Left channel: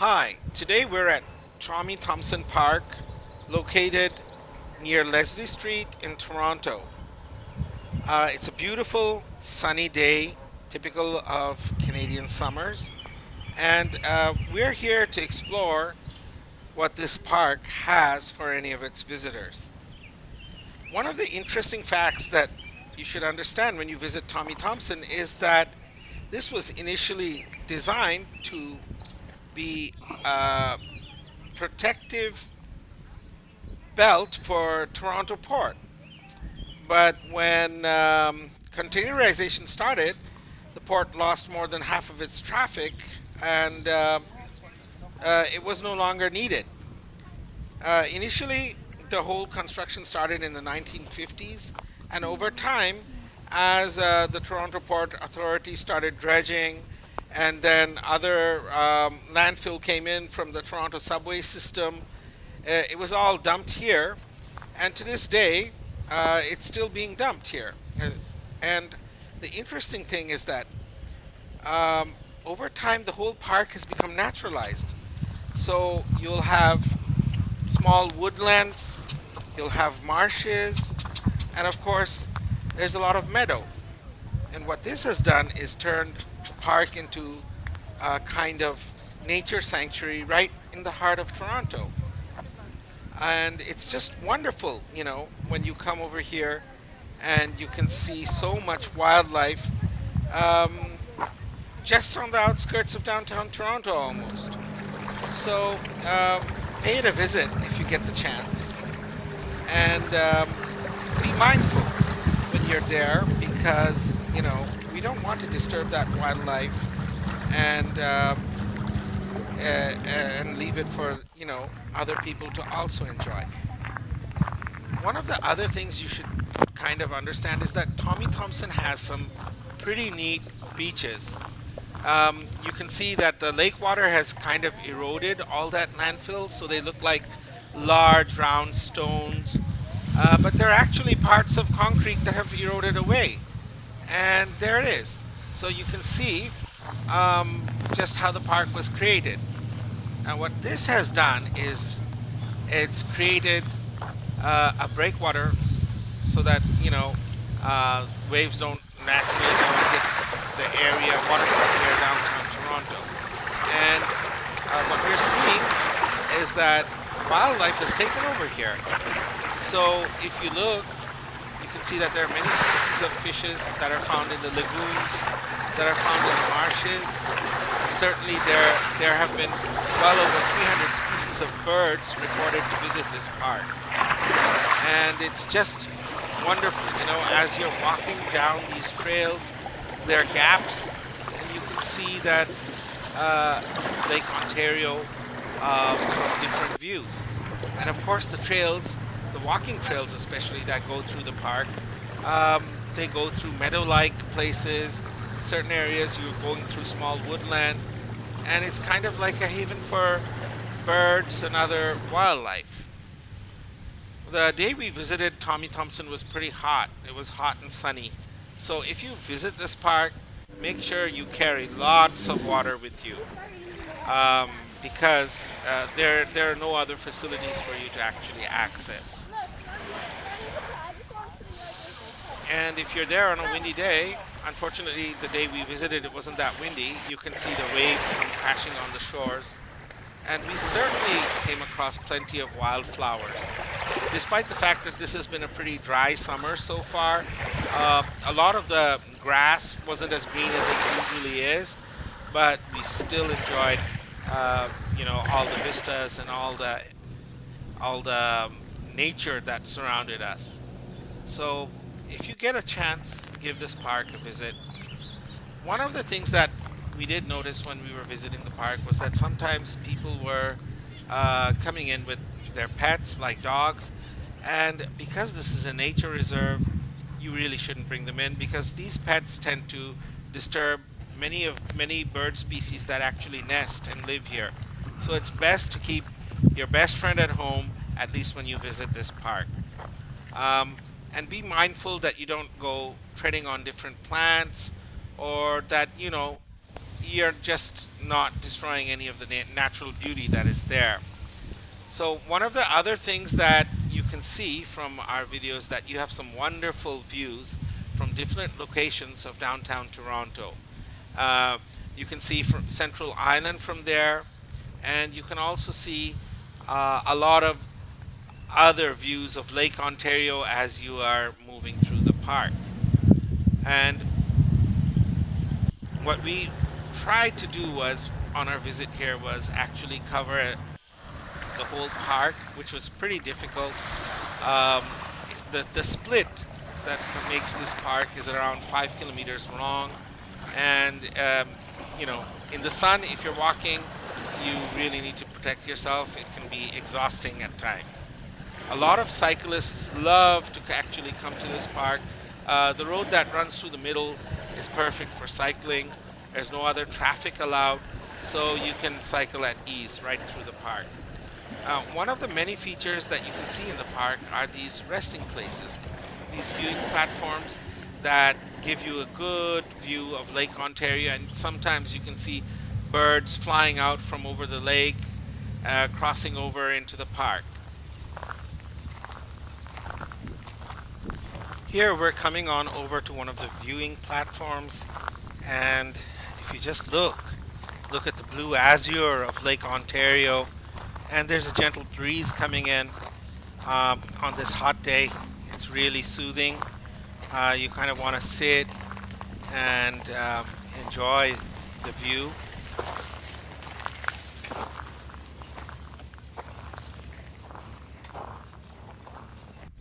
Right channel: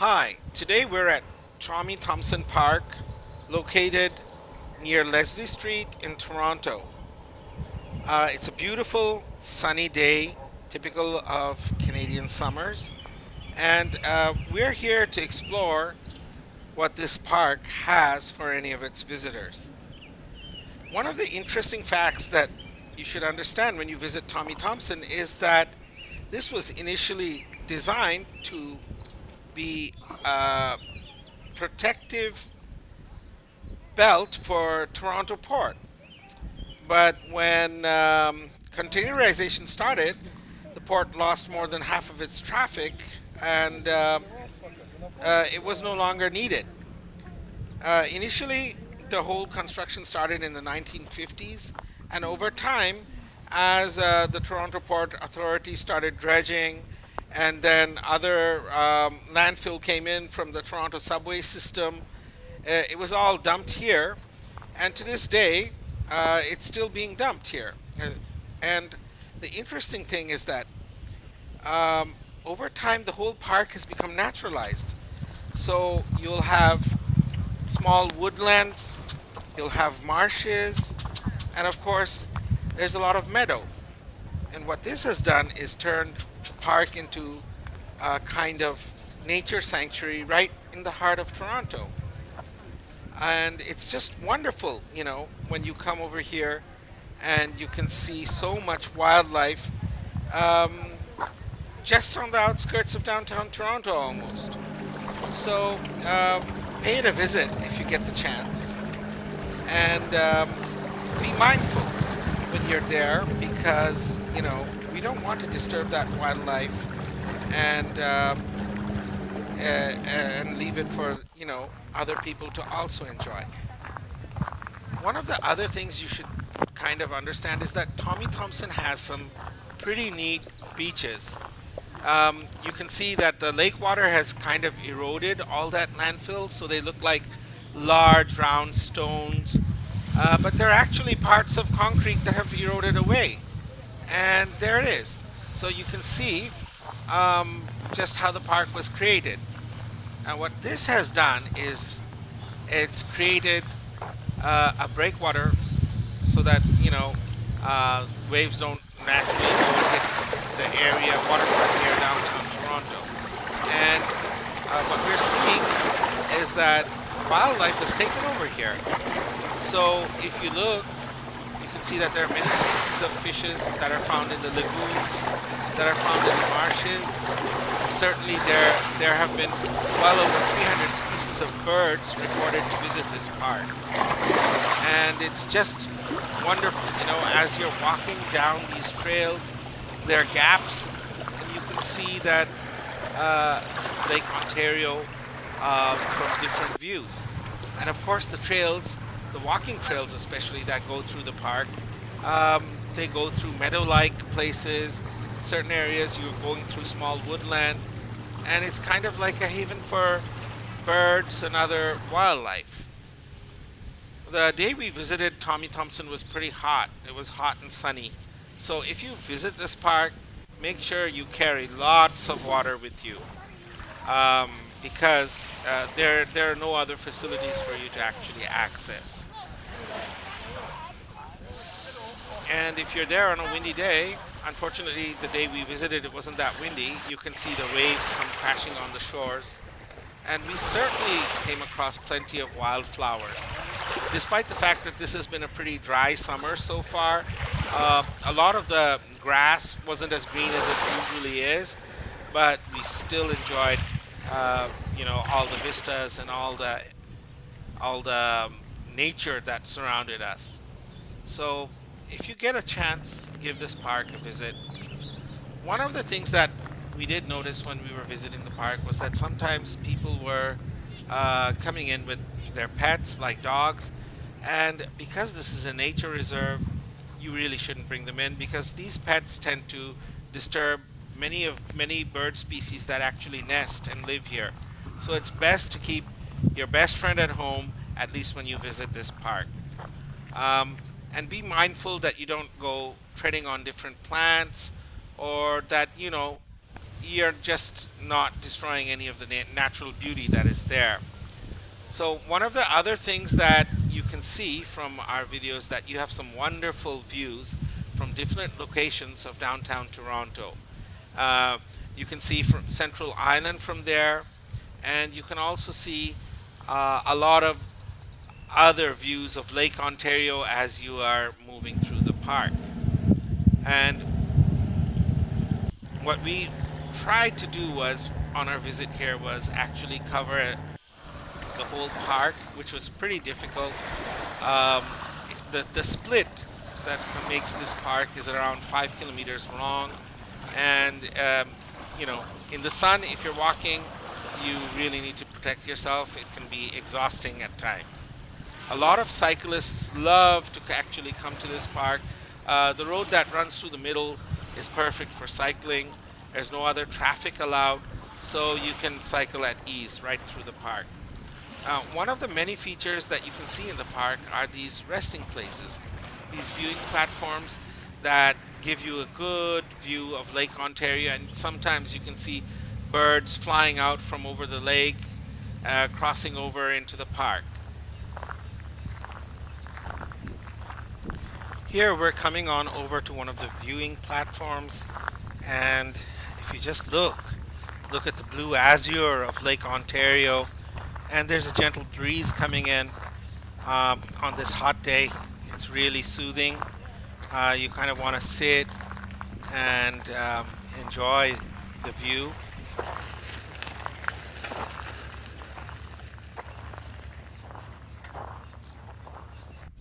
Hi, today we're at Thompson Park, located near Leslie Street in Toronto. It's a beautiful sunny day, typical of Canadian summers, and we're here to explore what this park has for any of its visitors. One of the interesting facts that you should understand when you visit Tommy Thompson is that this was initially designed to be a protective belt for Toronto Port. But when containerization started, the port lost more than half of its traffic and it was no longer needed. Initially, the whole construction started in the 1950s, and over time, as the Toronto Port Authority started dredging, and then other landfill came in from the Toronto subway system, it was all dumped here, and to this day, it's still being dumped here. And the interesting thing is that over time, the whole park has become naturalized. So you'll have small woodlands, you'll have marshes, and of course, there's a lot of meadow. And what this has done is turned the park into a kind of nature sanctuary right in the heart of Toronto. And it's just wonderful, when you come over here and you can see so much wildlife um, just on the outskirts of downtown Toronto almost. So pay it a visit if you get the chance, and be mindful when you're there because we don't want to disturb that wildlife and and leave it for other people to also enjoy. One of the other things you should kind of understand is that Tommy Thompson has some pretty neat beaches. You can see that the lake water has kind of eroded all that landfill, so they look like large round stones. But they're actually parts of concrete that have eroded away. And there it is. So you can see just how the park was created. And what this has done is it's created a breakwater so that waves don't naturally go and hit the area, waterfront here downtown Toronto. And what we're seeing is that wildlife has taken over here. So if you look, you can see that there are many species of fishes that are found in the lagoons, that are found in the marshes. And certainly there have been well over 300 species of birds recorded to visit this park. And it's just wonderful, as you're walking down these trails, there are gaps, and you can see that Lake Ontario from different views. And of course, the walking trails especially that go through the park, they go through meadow-like places. In certain areas, you're going through small woodland, and it's kind of like a haven for birds and other wildlife. The day we visited Tommy Thompson was pretty hot. It was hot and sunny. So if you visit this park, make sure you carry lots of water with you because there are no other facilities for you to actually access. And if you're there on a windy day, unfortunately, the day we visited, it wasn't that windy. You can see the waves come crashing on the shores. And we certainly came across plenty of wildflowers. Despite the fact that this has been a pretty dry summer so far, a lot of the grass wasn't as green as it usually is, but we still enjoyed, all the vistas and all the nature that surrounded us. So, if you get a chance, give this park a visit. One of the things that we did notice when we were visiting the park was that sometimes people were coming in with their pets, like dogs, and because this is a nature reserve, you really shouldn't bring them in because these pets tend to disturb many bird species that actually nest and live here. So it's best to keep your best friend at home, at least when you visit this park. Um, and be mindful that you don't go treading on different plants or that, you're just not destroying any of the natural beauty that is there. So one of the other things that you can see from our videos that you have some wonderful views from different locations of downtown Toronto. Uh, you can see from Central Island from there, and you can also see a lot of other views of Lake Ontario as you are moving through the park. And what we tried to do was on our visit here was actually cover the whole park, which was pretty difficult. Um, the split that makes this park is around 5 kilometers long, and you know, in the sun, if you're walking, you really need to protect yourself. It can be exhausting at times. A lot of cyclists love to actually come to this park. The road that runs through the middle is perfect for cycling. There's no other traffic allowed, so you can cycle at ease right through the park. One of the many features that you can see in the park are these resting places, these viewing platforms that give you a good view of Lake Ontario, and sometimes you can see birds flying out from over the lake, crossing over into the park. Here we're coming on over to one of the viewing platforms, and if you just look at the blue azure of Lake Ontario, and there's a gentle breeze coming in on this hot day. It's really soothing. You kind of want to sit and enjoy the view.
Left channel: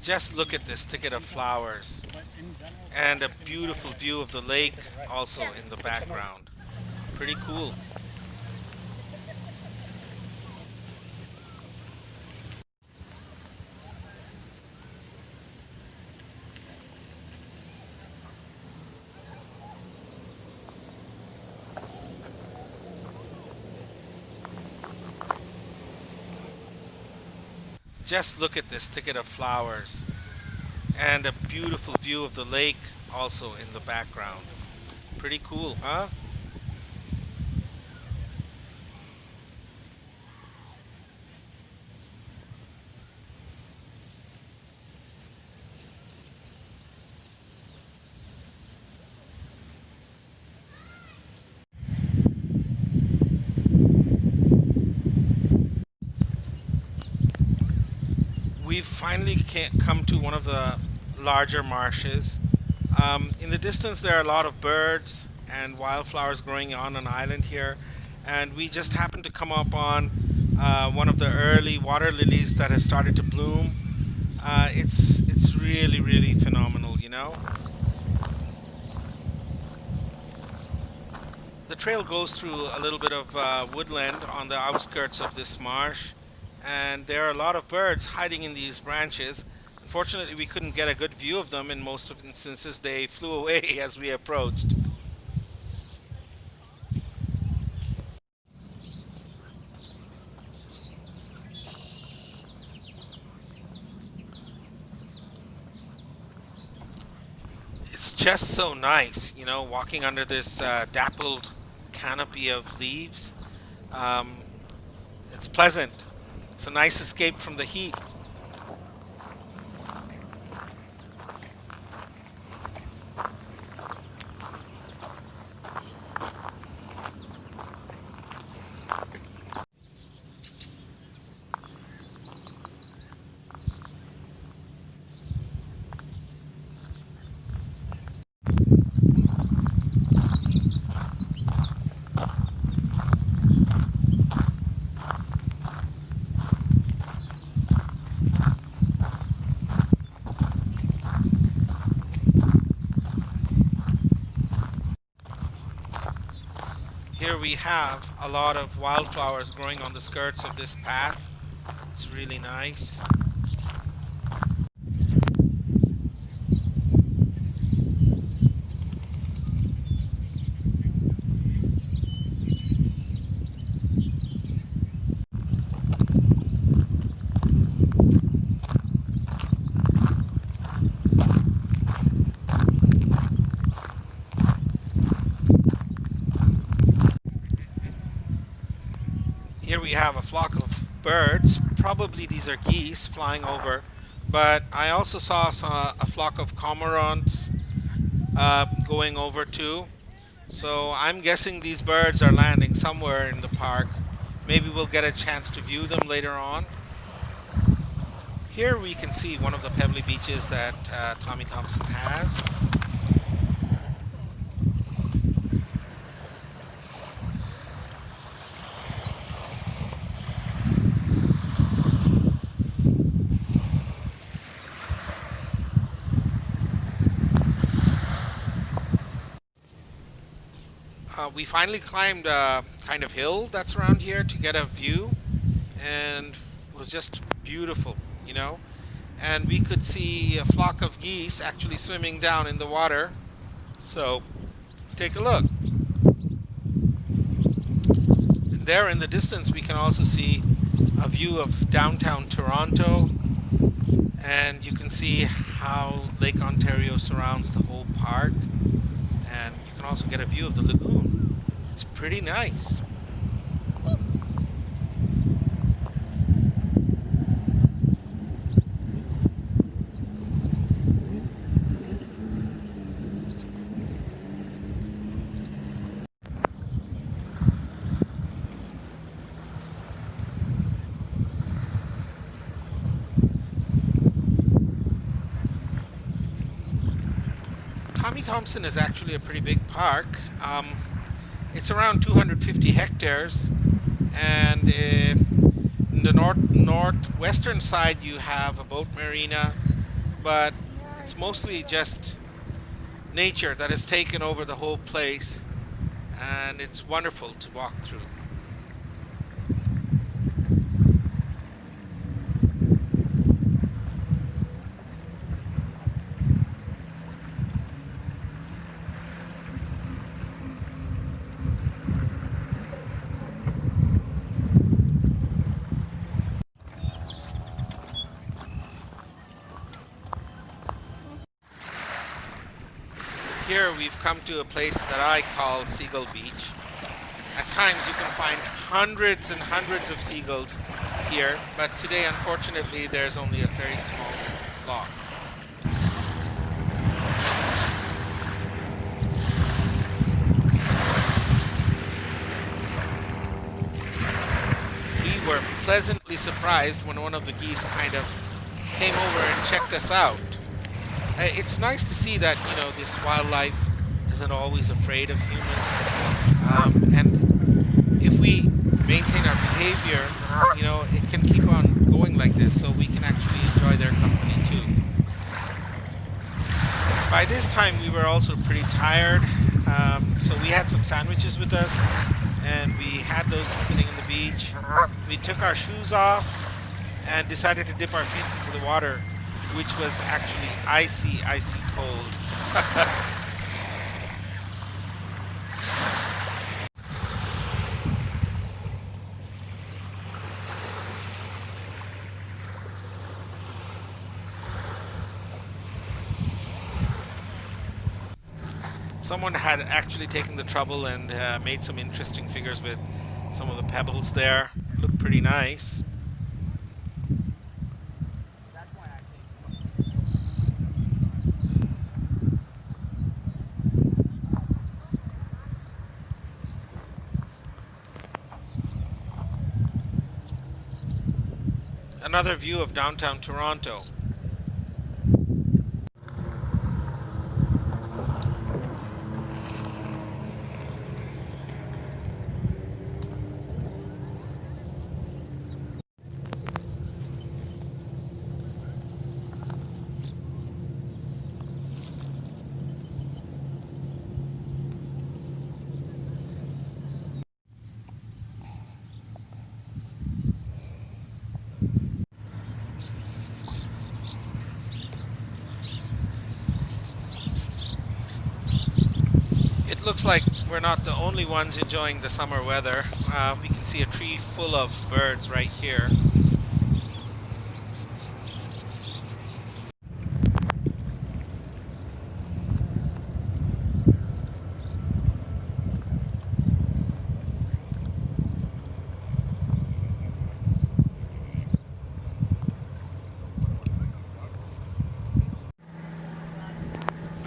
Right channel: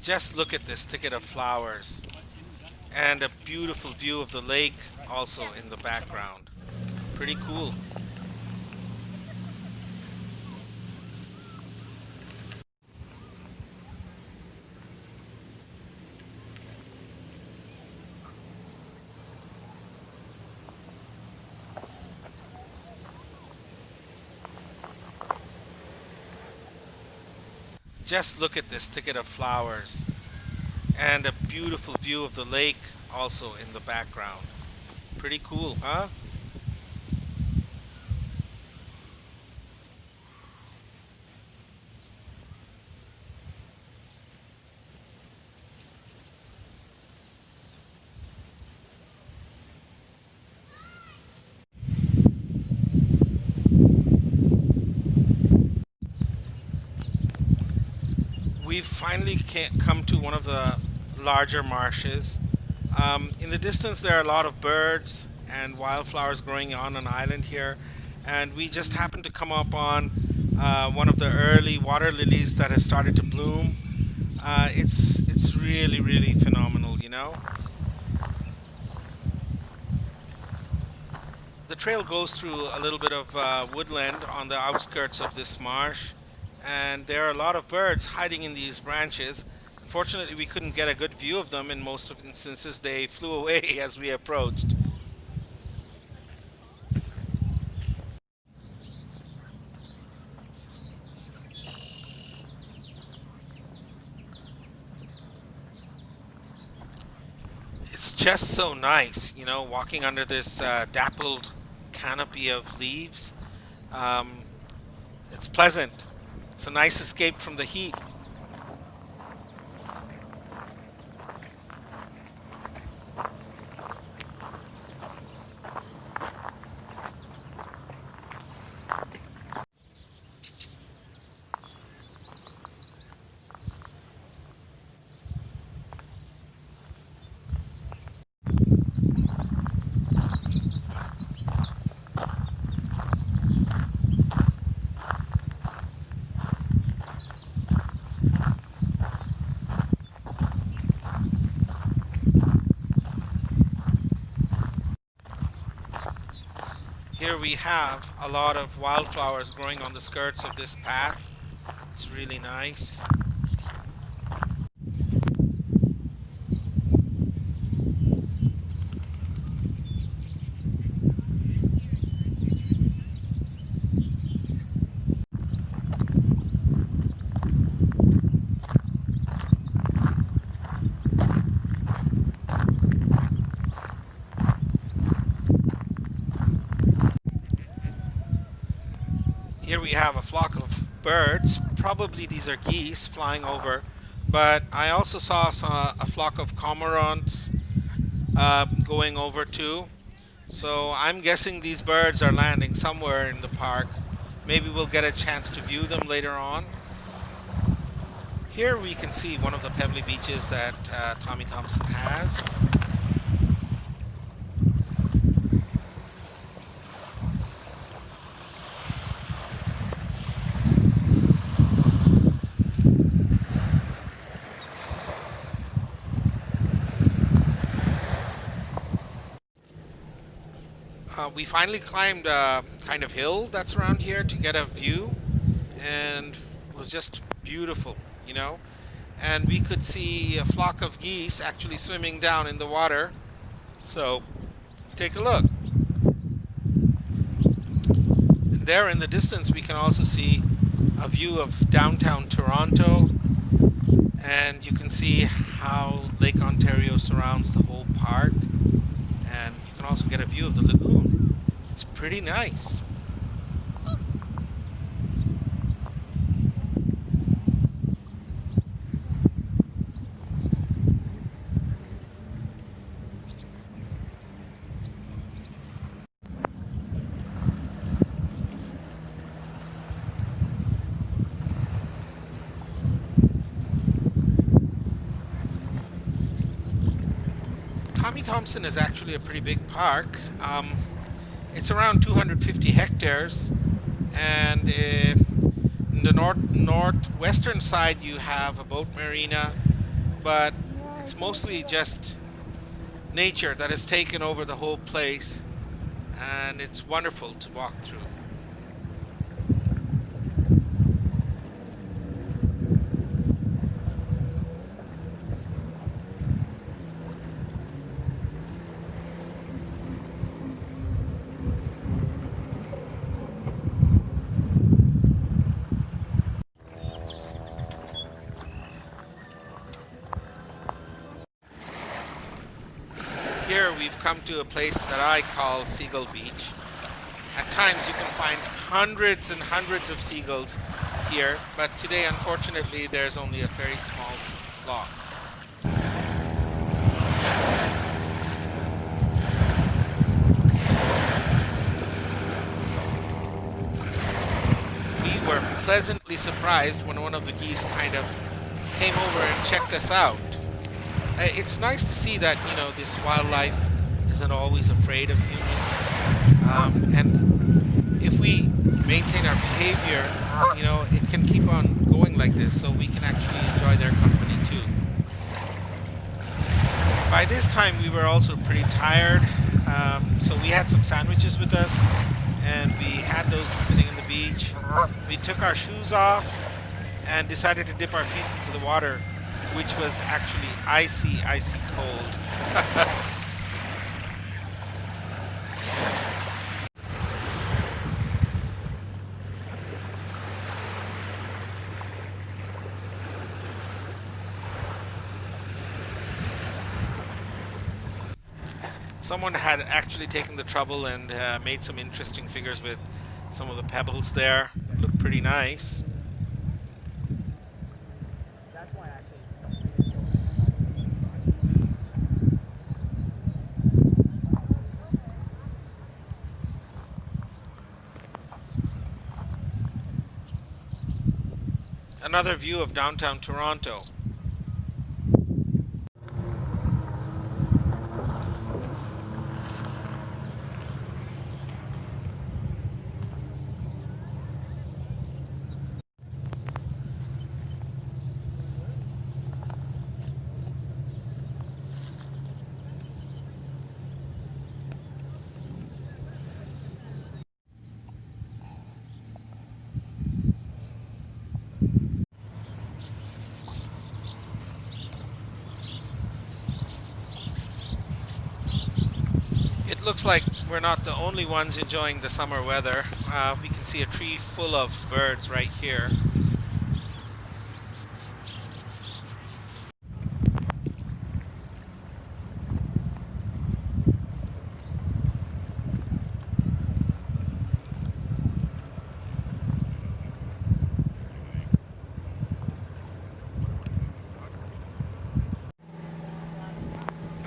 Just look at this thicket of flowers and a beautiful view of the lake also in the background. Pretty cool. Just look at this thicket of flowers and a beautiful view of the lake also in the background. Pretty cool, huh? We've finally come to one of the larger marshes. In the distance, there are a lot of birds and wildflowers growing on an island here, and we just happened to come up on one of the early water lilies that has started to bloom. It's really phenomenal, you know. The trail goes through a little bit of woodland on the outskirts of this marsh, and there are a lot of birds hiding in these branches. Unfortunately, we couldn't get a good view of them. In most of instances, they flew away as we approached. It's just so nice, you know, walking under this dappled canopy of leaves. Um, it's pleasant. It's a nice escape from the heat. Here we have a lot of wildflowers growing on the skirts of this path. It's really nice. Here we have a flock of birds. Probably these are geese flying over, but I also saw a flock of cormorants going over too. So I'm guessing these birds are landing somewhere in the park. Maybe we'll get a chance to view them later on. Here we can see one of the pebbly beaches that Tommy Thompson has. We finally climbed a kind of hill that's around here to get a view, and it was just beautiful, you know. And we could see a flock of geese actually swimming down in the water. So take a look. There in the distance we can also see a view of downtown Toronto, and you can see how Lake Ontario surrounds the whole park, and you can also get a view of the lagoon. It's pretty nice. Tommy Thompson is actually a pretty big park. It's around 250 hectares, and in the northwestern side you have a boat marina, but it's mostly just nature that has taken over the whole place, and it's wonderful to walk through. Here we've come to a place that I call Seagull Beach. At times you can find hundreds and hundreds of seagulls here, but today unfortunately there's only a very small flock. We were pleasantly surprised when one of the geese kind of came over and checked us out. It's nice to see that, you know, this wildlife isn't always afraid of humans. And if we maintain our behavior, you know, it can keep on going like this, so we can actually enjoy their company too. By this time we were also pretty tired, so we had some sandwiches with us, and we had those sitting in the beach. We took our shoes off and decided to dip our feet into the water, which was actually icy, icy cold. Someone had actually taken the trouble and made some interesting figures with some of the pebbles there. It looked pretty nice. Another view of downtown Toronto. It looks like we're not the only ones enjoying the summer weather. We can see a tree full of birds right here.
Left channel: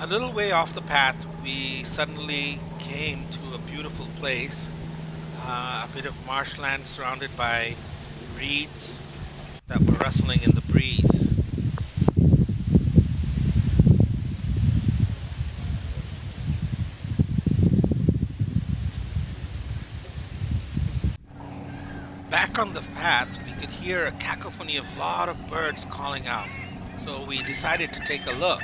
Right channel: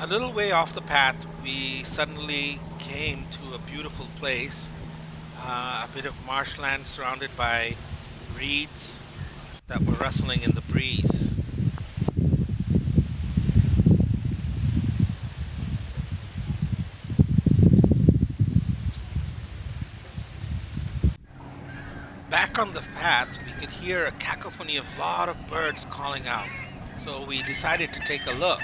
A little way off the path, we suddenly came to a beautiful place, a bit of marshland surrounded by reeds that were rustling in the breeze. Back on the path, we could hear a cacophony of a lot of birds calling out. So we decided to take a look,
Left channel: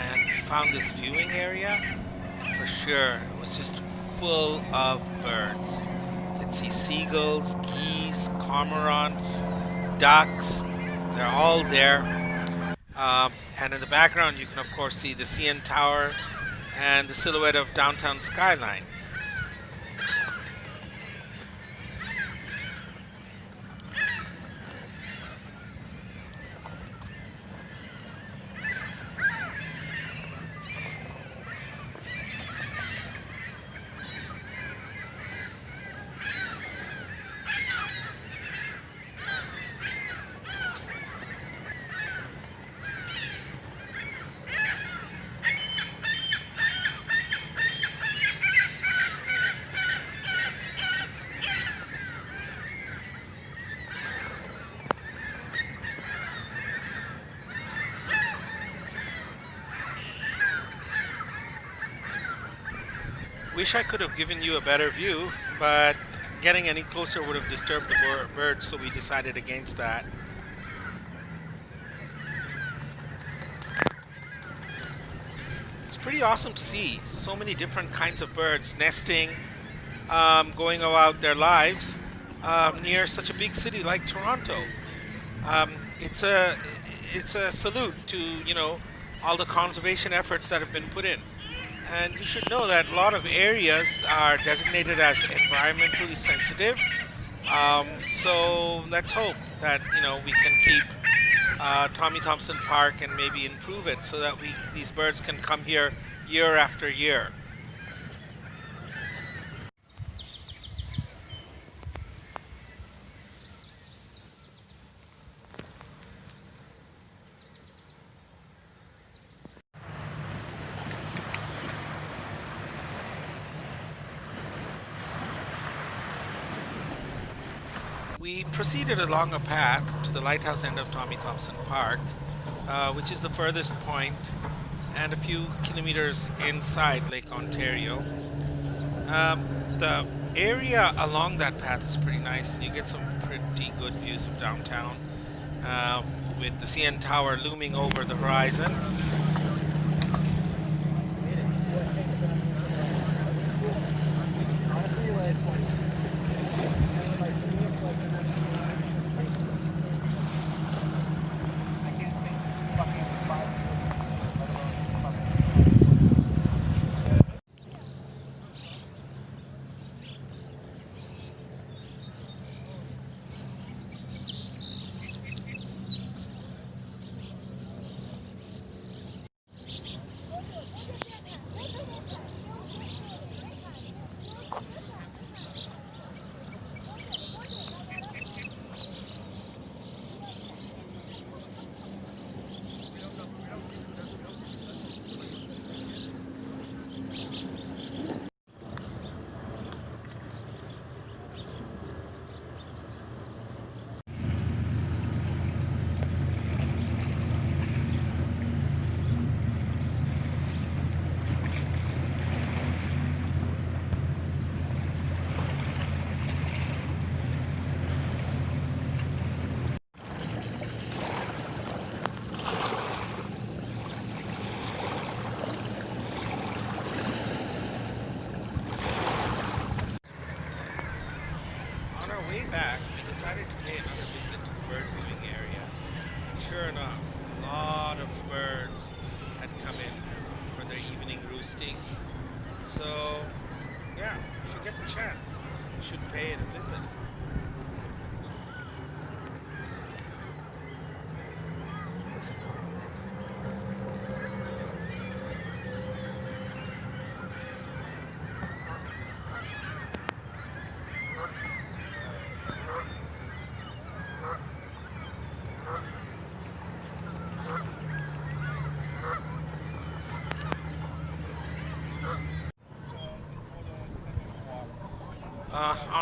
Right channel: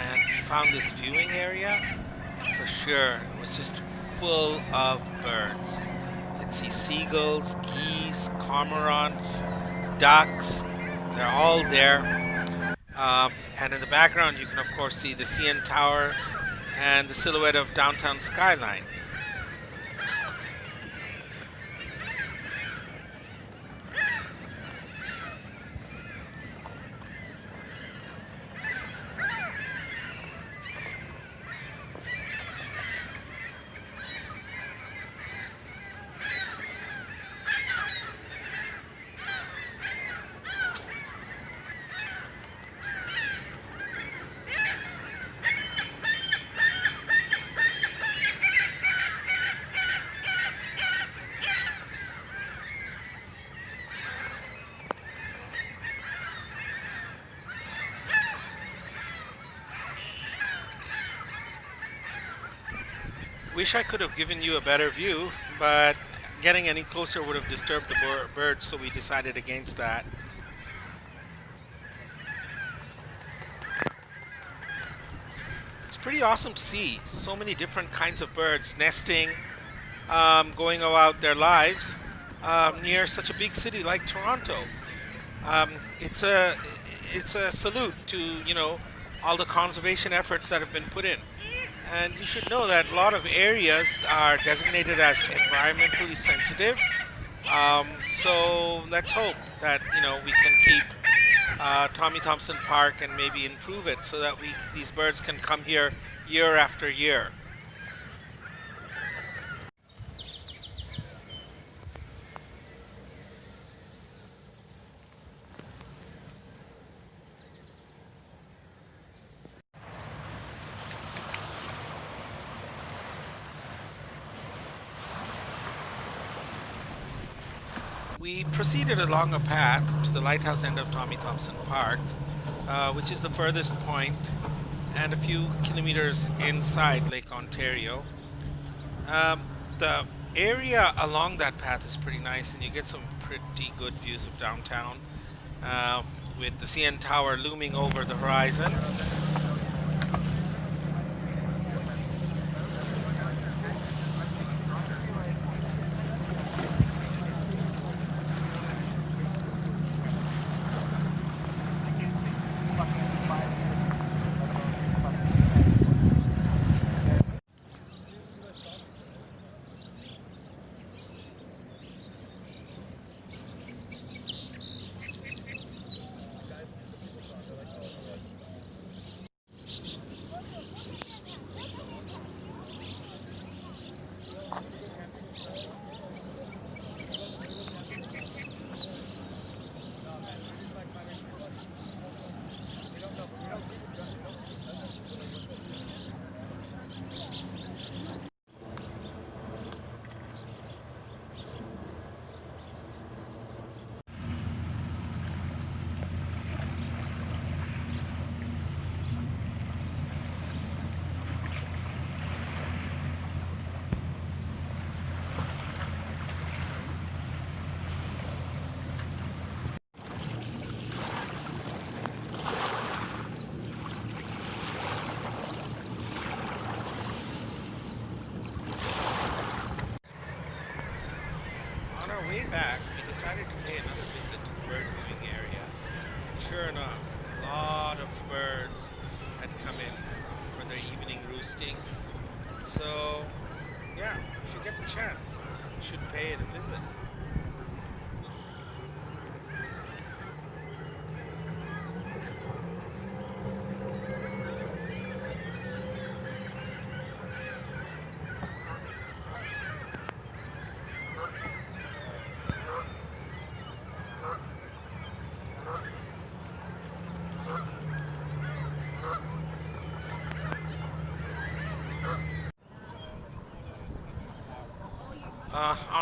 and we found this viewing area, and for sure it was just full of birds. You could see seagulls, geese, cormorants, ducks. They're all there. And in the background, you can of course see the CN Tower and the silhouette of downtown Skyline. Wish I could have given you a better view, but getting any closer would have disturbed the birds, so we decided against that. It's pretty awesome to see so many different kinds of birds nesting, going about their lives near such a big city like Toronto. Um, it's a it's a salute to all the conservation efforts that have been put in. And you should know that a lot of areas are designated as environmentally sensitive. So let's hope that we can keep Tommy Thompson Park and maybe improve it so that these birds can come here year after year. We proceeded along a path to the Lighthouse end of Tommy Thompson Park, which is the furthest point and a few kilometers inside Lake Ontario. Um, the area along that path is pretty nice, and you get some pretty good views of downtown uh, with the CN Tower looming over the horizon. On our way back, we decided to pay another visit to the bird viewing area, and sure enough, a lot of birds had come in for their evening roosting. So, yeah, if you get the chance, you should pay it a visit.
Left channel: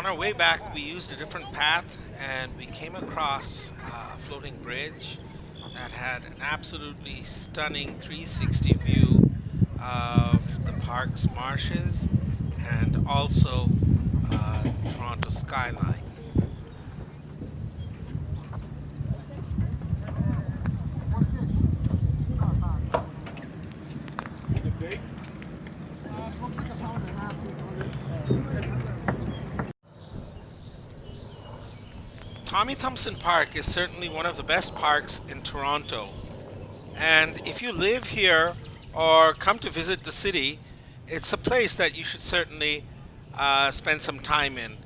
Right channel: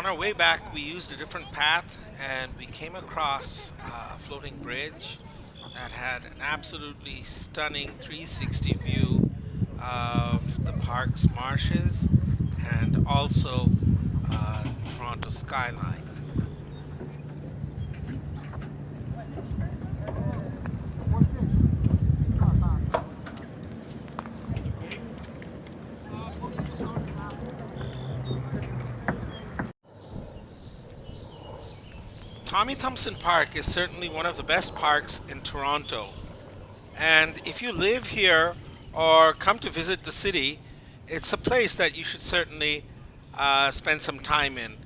our way back, we used a different path and we came across a floating bridge that had an absolutely stunning 360 view of the park's marshes and also Toronto skyline. Thompson Park is certainly one of the best parks in Toronto. And if you live here or come to visit the city, it's a place that you should certainly spend some time in.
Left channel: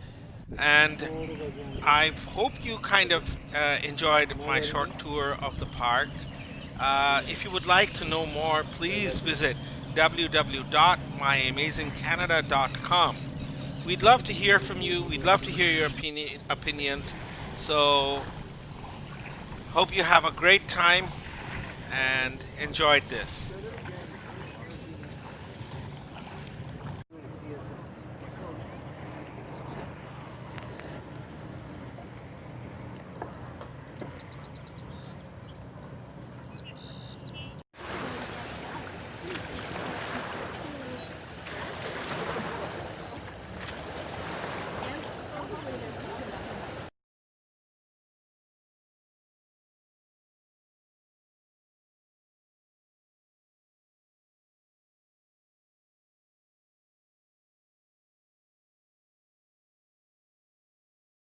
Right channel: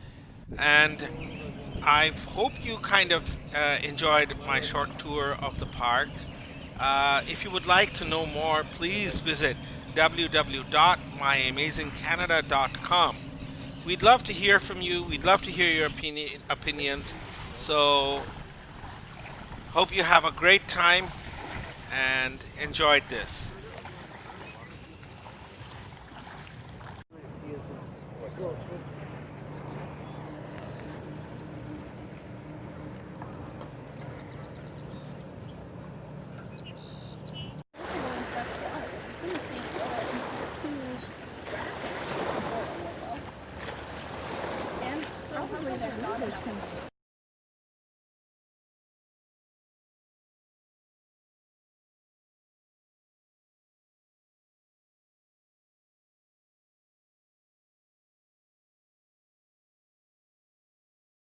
And I hope you kind of enjoyed my short tour of the park. If you would like to know more, please visit www.myamazingcanada.com. We'd love to hear from you. We'd love to hear your opinions. So, hope you have a great time and enjoyed this.